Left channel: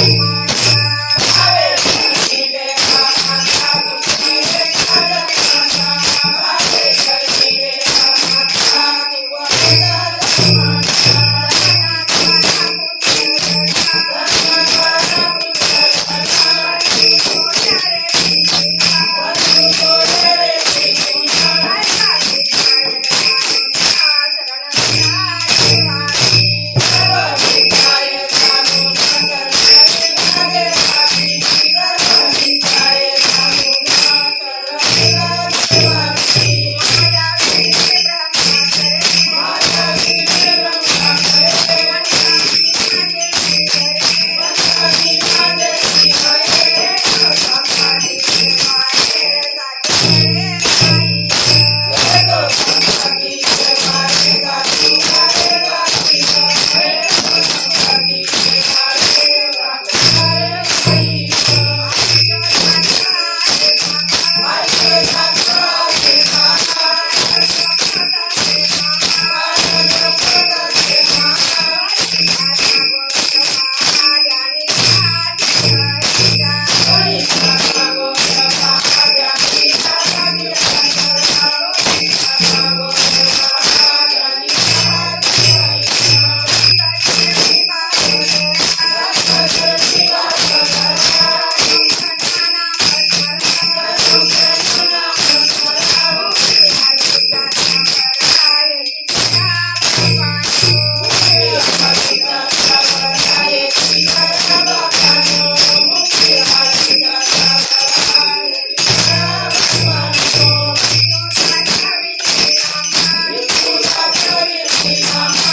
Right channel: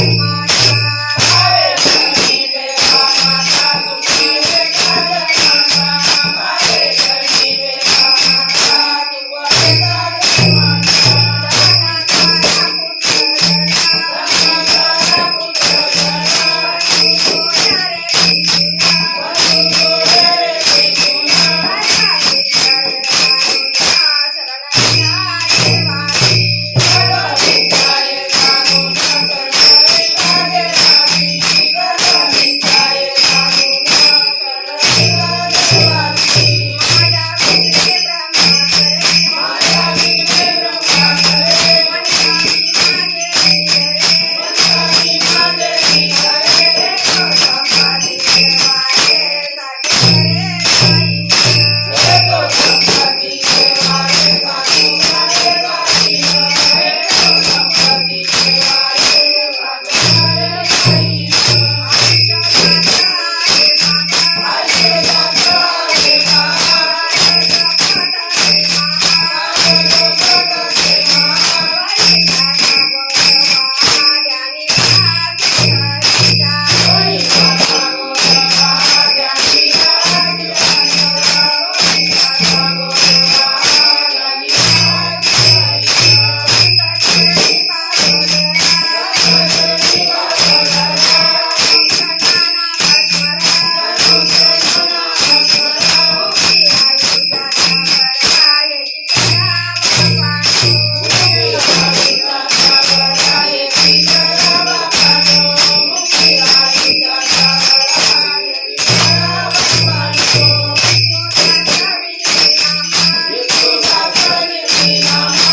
Bye. Yeah. Thank you.